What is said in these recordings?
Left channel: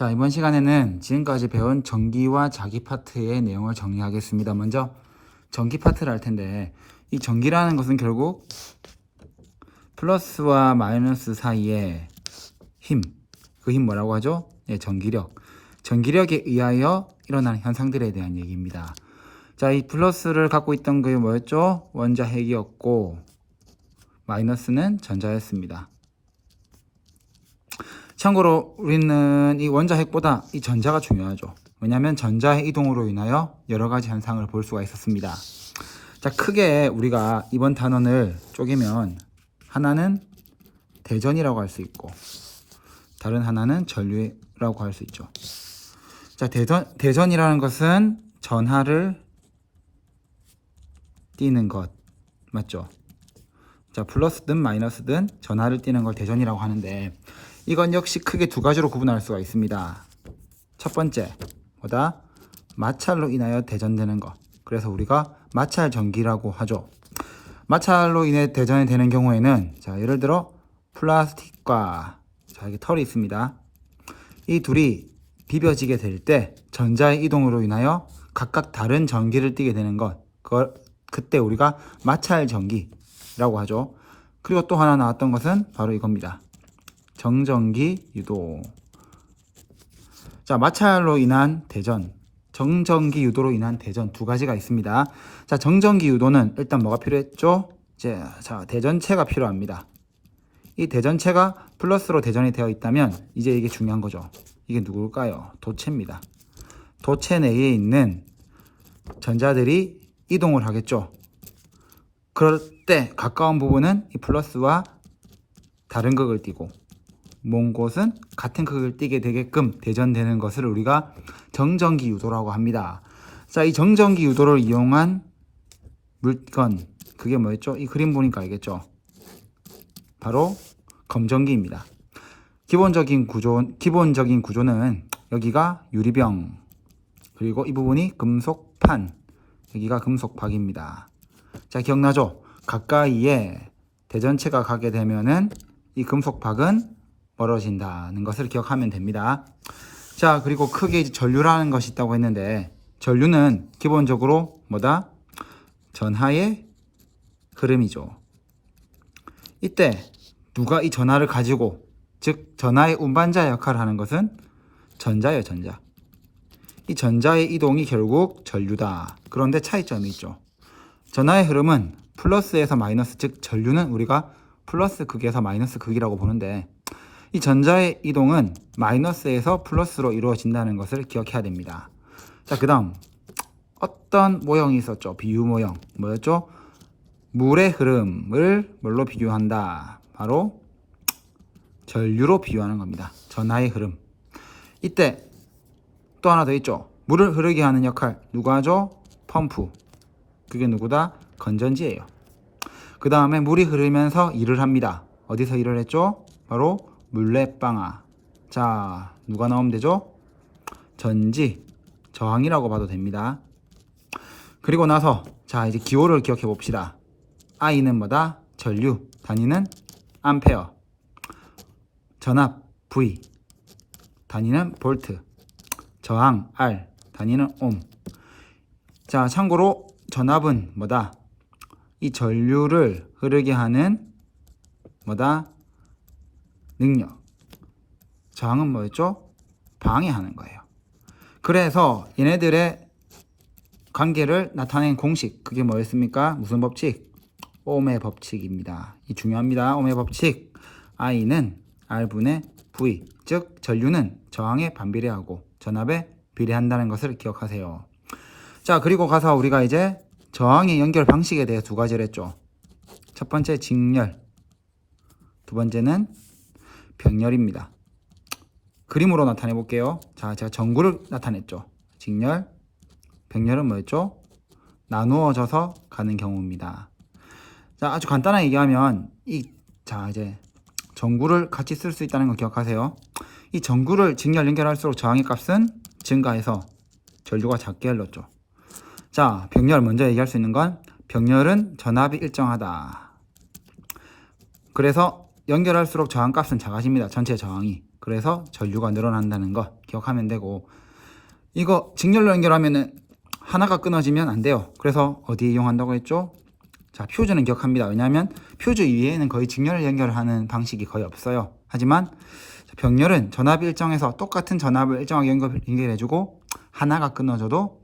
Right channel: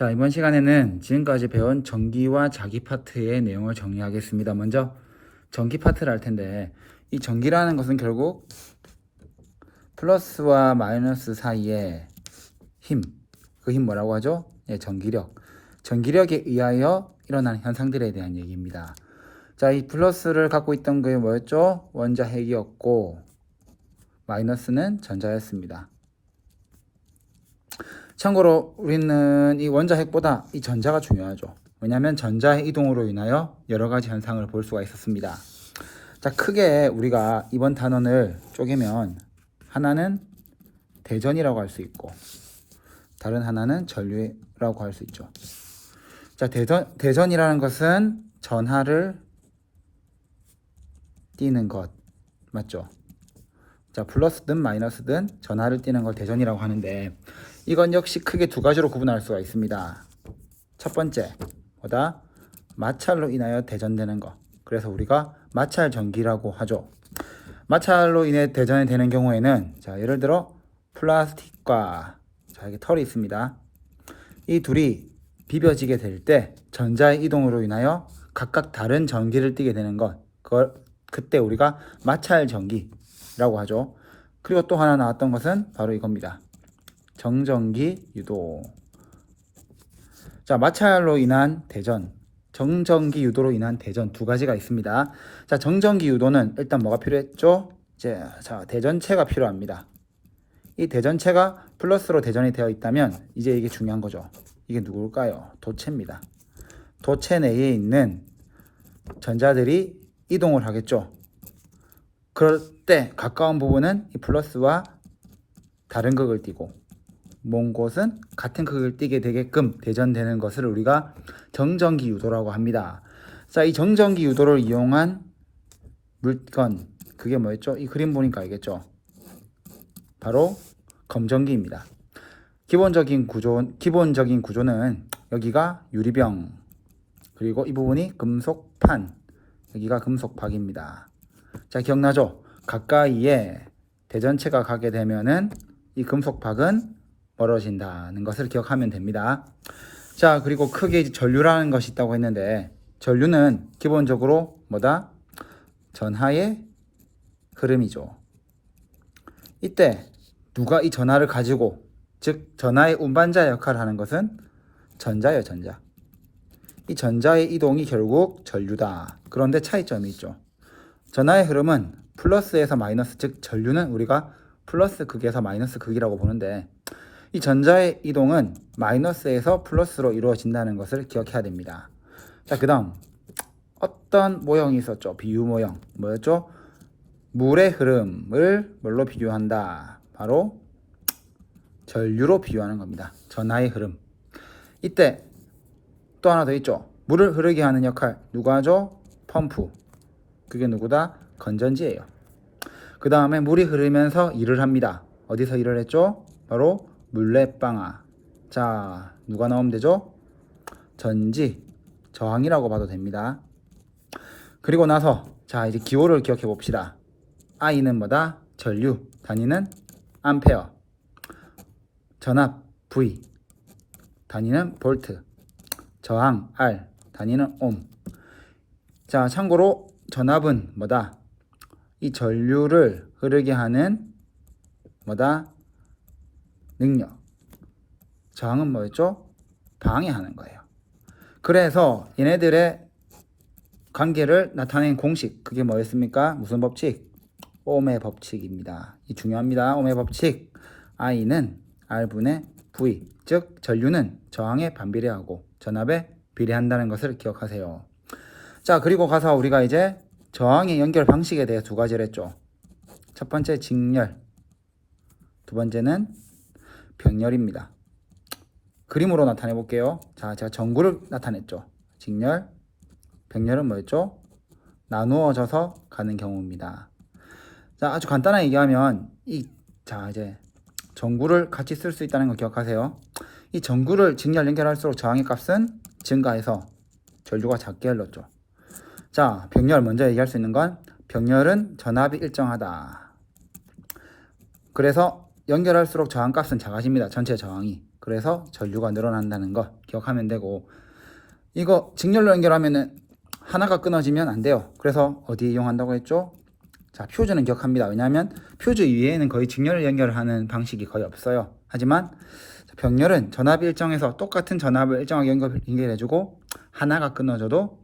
자, 이번 시간에는 지금까지 배운 전기와 자기 파트의 내용을 정리하겠습니다. 먼저 전기 파트를 할 텐데, 이 전기라는 것은 결국 플러스와 마이너스 사이의 힘, 그 힘 뭐라고 하죠? 네, 전기력. 전기력에 의하여 일어나는 현상들에 대한 얘기입니다. 자, 이 플러스를 갖고 있던 게 뭐였죠? 원자핵이었고, 마이너스는 전자였습니다. 참고로 우리는 이 원자핵보다 이 전자가 중요하죠. 왜냐하면 전자의 이동으로 인하여 여러 가지 현상을 볼 수가 있었습니다. 자, 크게 우리가 이번 단원을 쪼개면 하나는 대전이라고 할 수 있고, 다른 하나는 전류라고 할 수 있죠. 자, 대전이라는 것은 전하를 띄는 것 맞죠? 자, 플러스든 마이너스든 전하를 띄는 걸 대전이라고 하는데, 이건 역시 크게 두 가지로 구분할 수가 있습니다. 첫 번째, 뭐다? 마찰로 인하여 대전되는 것. 그래서 우리가 마찰 전기라고 하죠. 마찰로 인해 대전이 되는 경우에는, 자, 예를 들어 플라스틱과, 자, 이게 털이 있습니다. 이 둘이 비벼지게 될 때 전자의 이동으로 인하여 각각 다른 전기를 띠게 되는 것, 그때 우리가 마찰 전기라고 하죠. 그리고 또 하나 나왔던 것은 바로 이겁니다. 정전기 유도. 자, 마찰로 인한 대전, 정전기 유도로 인한 대전 두 가지가 있습니다. 자, 정전기 유도는 일단 뭐가 필요했죠? 자, 대전체가 필요합니다. 이 대전체가 플러스로 대전이 되어 있다면 이제 이게 중요한 거죠. 이게 누굴까요? 도체입니다. 도체 내에 있는 전자들이 이동을 하겠죠. 그럴 때 가까운 부분은 이 플러스와 다른 극을 띠고, 먼 곳은 같은 극을 띠게 되게끔 대전되는 것을 우리가 정전기 유도라고 합니다. 자, 이 정전기 유도를 이용한 물건, 그게 뭐였죠? 이 그림 보니까 알겠죠? 바로 검전기입니다. 기본적인 구조는 여기가 유리병, 그리고 이 부분이 금속판, 여기가 금속박입니다. 자, 기억나죠? 가까이에 대전체가 가게 되면은 이 금속박은 멀어진다는 것을 기억하면 됩니다. 자, 그리고 크게 전류라는 것이 있다고 했는데, 전류는 기본적으로 뭐다? 전하의 흐름이죠. 이때 누가 이 전하를 가지고, 즉 전하의 운반자 역할을 하는 것은 전자예요, 전자. 이 전자의 이동이 결국 전류다. 그런데 차이점이 있죠. 전하의 흐름은 플러스에서 마이너스, 즉 전류는 우리가 플러스 극에서 마이너스 극이라고 보는데, 이 전자의 이동은 마이너스에서 플러스로 이루어진다는 것을 기억해야 됩니다. 자, 그 다음 어떤 모형이 있었죠? 비유 모형 뭐였죠? 물의 흐름을 뭘로 비교한다? 바로 전류로 비유하는 겁니다. 전하의 흐름. 이때 또 하나 더 있죠. 물을 흐르게 하는 역할 누가 하죠? 펌프. 그게 누구다? 건전지예요. 그 다음에 물이 흐르면서 일을 합니다. 어디서 일을 했죠? 바로 물레방아. 자, 누가 나오면 되죠? 전지, 저항이라고 봐도 됩니다. 그리고 나서 자, 이제 기호를 기억해 봅시다. I는 뭐다? 전류, 단위는 암페어. 전압 V, 단위는 볼트. 저항 R, 단위는 옴. 자, 참고로 전압은 뭐다? 이 전류를 흐르게 하는 뭐다? 능력. 저항은 뭐였죠? 방해하는 거예요. 그래서 얘네들의 관계를 나타낸 공식, 그게 뭐였습니까? 무슨 법칙? 옴의 법칙입니다. 이 중요합니다. 옴의 법칙. I는 R분의 V, 즉 전류는 저항에 반비례하고 전압에 비례한다는 것을 기억하세요. 자, 그리고 가서 우리가 이제 저항의 연결 방식에 대해 두 가지를 했죠. 첫 번째 직렬, 두 번째는 병렬입니다. 그림으로 나타내 볼게요. 자, 제가 전구를 나타냈죠. 직렬, 병렬은 뭐였죠? 나누어져서 가는 경우입니다. 자, 아주 간단하게 얘기하면 자, 이제 전구를 같이 쓸 수 있다는 걸 기억하세요. 이 전구를 직렬 연결할수록 저항의 값은 증가해서 전류가 작게 흘렀죠. 자, 병렬 먼저 얘기할 수 있는 건, 병렬은 전압이 일정하다. 그래서 연결할수록 저항값은 작아집니다. 전체 저항이. 그래서 전류가 늘어난다는 거 기억하면 되고, 이거 직렬로 연결하면은 하나가 끊어지면 안 돼요. 그래서 어디에 이용한다고 했죠? 자, 퓨즈는 기억합니다. 왜냐하면 퓨즈 이외에는 거의 직렬 연결하는 방식이 거의 없어요. 하지만 병렬은 전압 일정에서 똑같은 전압을 일정하게 연결해주고 하나가 끊어져도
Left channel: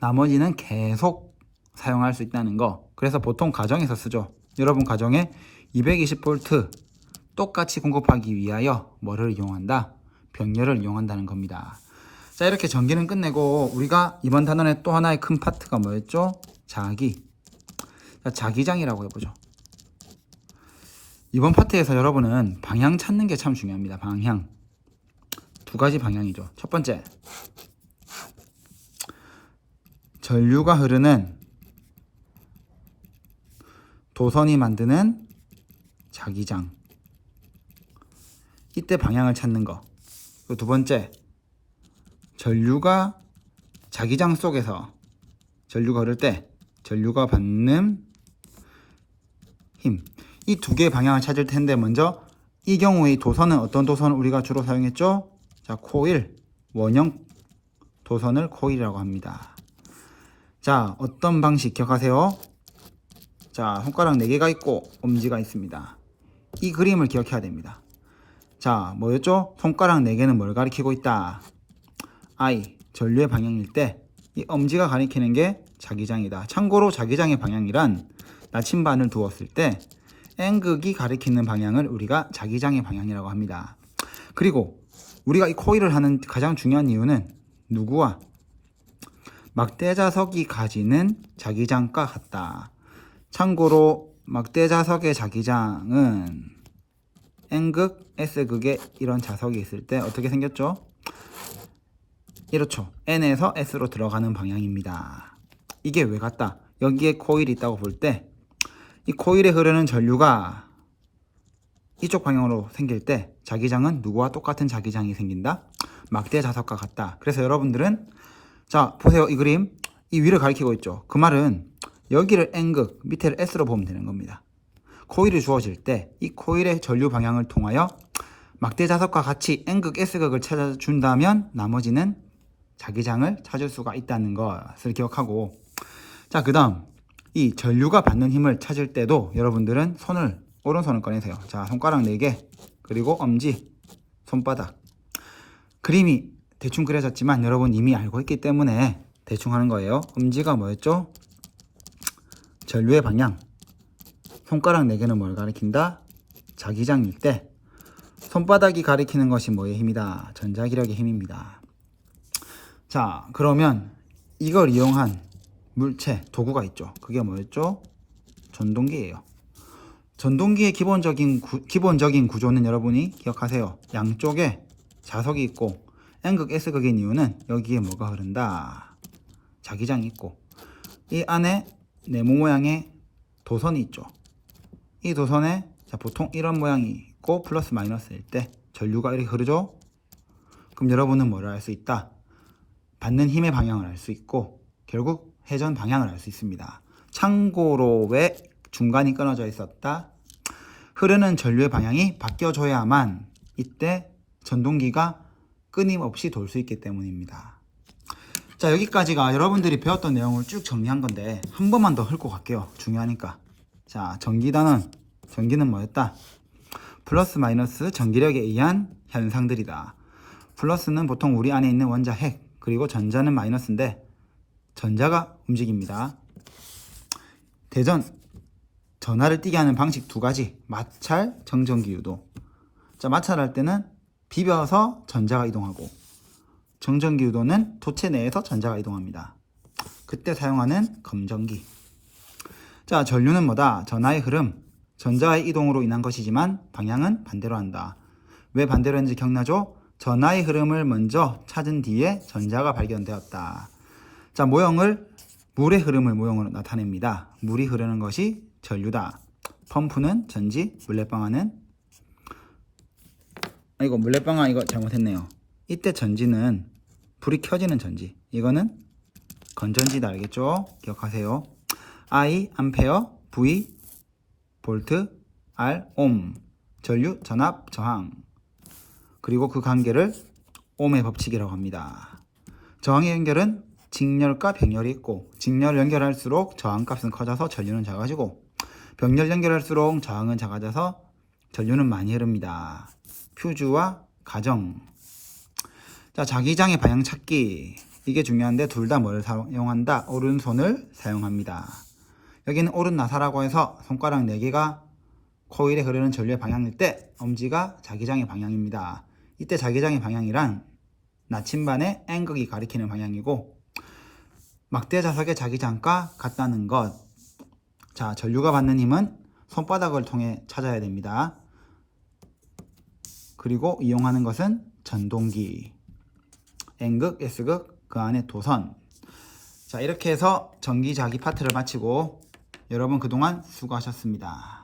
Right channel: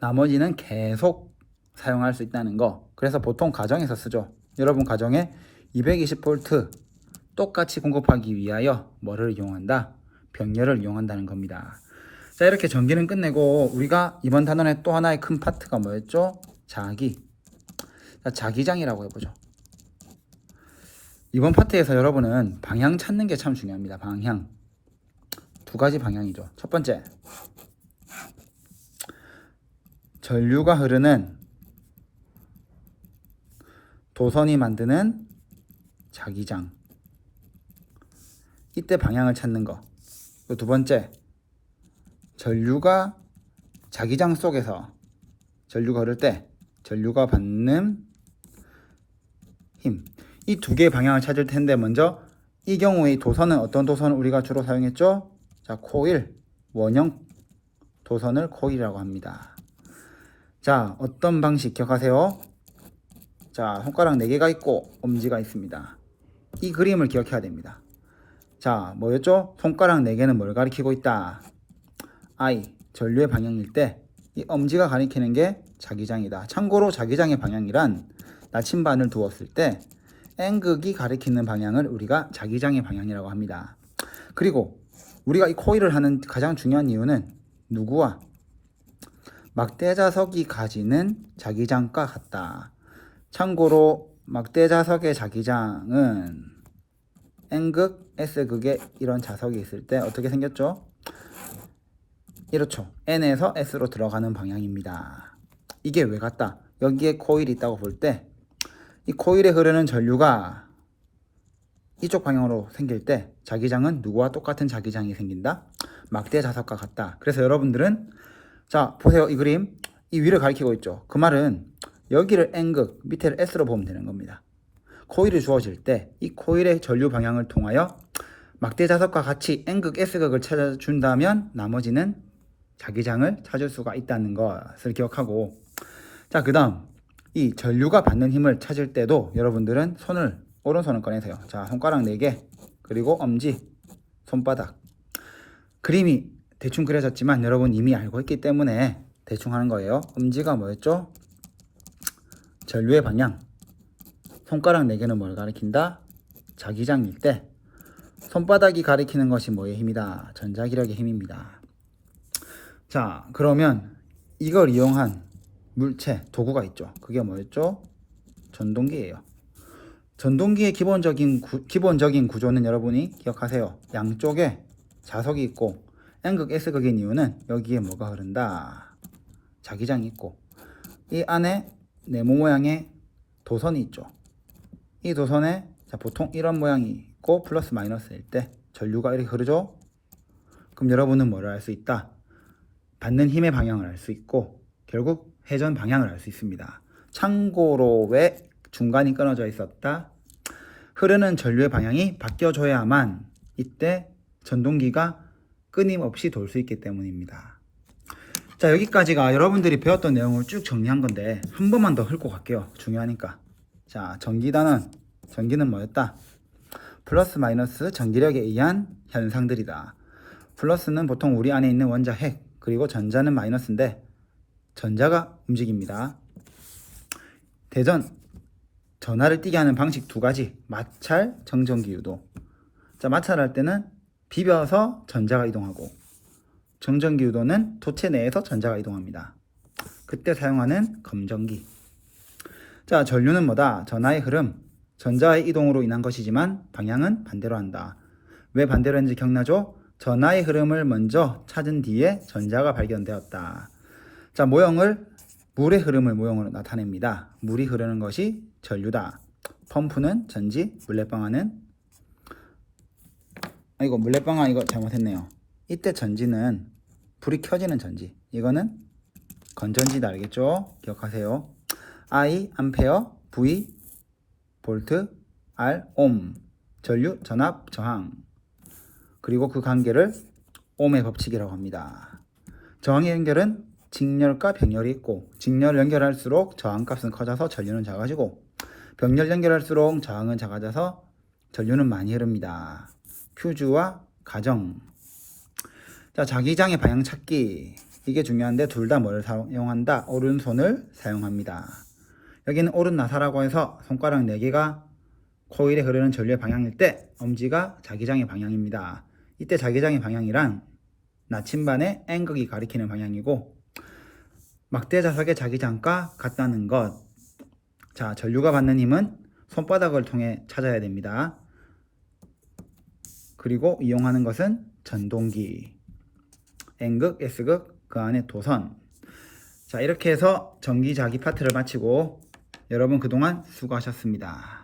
나머지는 계속 사용할 수 있다는 거. 그래서 보통 가정에서 쓰죠. 여러분 가정에 220V 똑같이 공급하기 위하여 뭐를 이용한다? 병렬을 이용한다는 겁니다. 자, 이렇게 전기는 끝내고 우리가 이번 단원의 또 하나의 큰 파트가 뭐였죠? 자기. 자, 자기장이라고 해보죠. 이번 파트에서 여러분은 방향 찾는 게 참 중요합니다. 방향. 두 가지 방향이죠. 첫 번째, 전류가 흐르는 도선이 만드는 자기장. 이때 방향을 찾는 거. 그리고 두 번째, 전류가 자기장 속에서 전류가 흐를 때 전류가 받는 힘. 이 두 개의 방향을 찾을 텐데, 먼저 이 경우의 도선은 어떤 도선을 우리가 주로 사용했죠? 자, 코일, 원형 도선을 코일이라고 합니다. 자, 어떤 방식 기억하세요? 자, 손가락 4개가 있고 엄지가 있습니다. 이 그림을 기억해야 됩니다. 자, 뭐였죠? 손가락 4개는 뭘 가리키고 있다? I, 전류의 방향일 때 이 엄지가 가리키는 게 자기장이다. 참고로 자기장의 방향이란 나침반을 두었을 때 N극이 가리키는 방향을 우리가 자기장의 방향이라고 합니다. 그리고 우리가 이 코일을 하는 가장 중요한 이유는 누구와? 막대자석이 가지는 자기장과 같다. 참고로 막대자석의 자기장은 N극, S극에 이런 자석이 있을 때 어떻게 생겼죠? 이렇죠. N에서 S로 들어가는 방향입니다. 이게 왜 같다? 여기에 코일이 있다고 볼 때 이 코일에 흐르는 전류가 이쪽 방향으로 생길 때 자기장은 누구와 똑같은 자기장이 생긴다? 막대자석과 같다. 그래서 여러분들은 자, 보세요. 이 그림. 이 위를 가리키고 있죠. 그 말은 여기를 N극, 밑에를 S로 보면 되는 겁니다. 코일이 주어질 때 이 코일의 전류 방향을 통하여 막대자석과 같이 N극, S극을 찾아준다면 나머지는 자기장을 찾을 수가 있다는 것을 기억하고, 자, 그 다음 이 전류가 받는 힘을 찾을 때도 여러분들은 오른손을 꺼내세요. 자, 손가락 4개 그리고 엄지, 손바닥. 그림이 대충 그려졌지만 여러분 이미 알고 있기 때문에 대충 하는 거예요. 엄지가 뭐였죠? 전류의 방향. 손가락 4개는 뭘 가리킨다? 자기장일 때 손바닥이 가리키는 것이 뭐의 힘이다? 전자기력의 힘입니다. 자, 그러면 이걸 이용한 물체, 도구가 있죠. 그게 뭐였죠? 전동기예요. 전동기의 기본적인 구조는 여러분이 기억하세요. 양쪽에 자석이 있고 N극, S극인 이유는 여기에 뭐가 흐른다? 자기장이 있고 이 안에 네모 모양의 도선이 있죠. 이 도선에 자, 보통 이런 모양이 있고 플러스 마이너스일 때 전류가 이렇게 흐르죠. 그럼 여러분은 뭐를 알 수 있다? 받는 힘의 방향을 알 수 있고 결국 회전 방향을 알 수 있습니다. 참고로 왜 중간이 끊어져 있었다? 흐르는 전류의 방향이 바뀌어줘야만 이때 전동기가 끊임없이 돌 수 있기 때문입니다. 자, 여기까지가 여러분들이 배웠던 내용을 쭉 정리한 건데 한 번만 더 훑고 갈게요. 중요하니까. 자, 전기는 뭐였다? 플러스 마이너스 전기력에 의한 현상들이다. 플러스는 보통 우리 안에 있는 원자 핵, 그리고 전자는 마이너스인데 전자가 움직입니다. 전하를 띄게 하는 방식 두 가지. 마찰, 정전기 유도. 자, 마찰할 때는 비벼서 전자가 이동하고 정전기 유도는 도체 내에서 전자가 이동합니다. 그때 사용하는 검전기. 자, 전류는 뭐다? 전하의 흐름, 전자의 이동으로 인한 것이지만 방향은 반대로 한다. 왜 반대로 했는지 기억나죠? 전하의 흐름을 먼저 찾은 뒤에 전자가 발견되었다. 자, 물의 흐름을 모형으로 나타냅니다. 물이 흐르는 것이 전류다. 펌프는 전지, 물레방아는 물레방아 이거 잘못했네요. 이때 전지는 불이 켜지는 전지. 이거는 건전지다. 알겠죠? 기억하세요. I, 암페어, V, 볼트, R, 옴. 전류, 전압, 저항. 그리고 그 관계를 옴의 법칙이라고 합니다. 저항의 연결은 직렬과 병렬이 있고 직렬을 연결할수록 저항값은 커져서 전류는 작아지고 병렬 연결할수록 저항은 작아져서 전류는 많이 흐릅니다. 퓨즈와 가정. 자, 자기장의 방향 찾기. 이게 중요한데 둘 다 뭘 사용한다? 오른손을 사용합니다. 여기는 오른 나사라고 해서 손가락 4개가 코일에 흐르는 전류의 방향일 때 엄지가 자기장의 방향입니다. 이때 자기장의 방향이란 나침반의 N극이 가리키는 방향이고 막대 자석의 자기장과 같다는 것. 자, 전류가 받는 힘은 손바닥을 통해 찾아야 됩니다. 그리고 이용하는 것은 전동기. N극, S극, 그 안에 도선. 자, 이렇게 해서 전기자기 파트를 마치고 여러분 그동안 수고하셨습니다.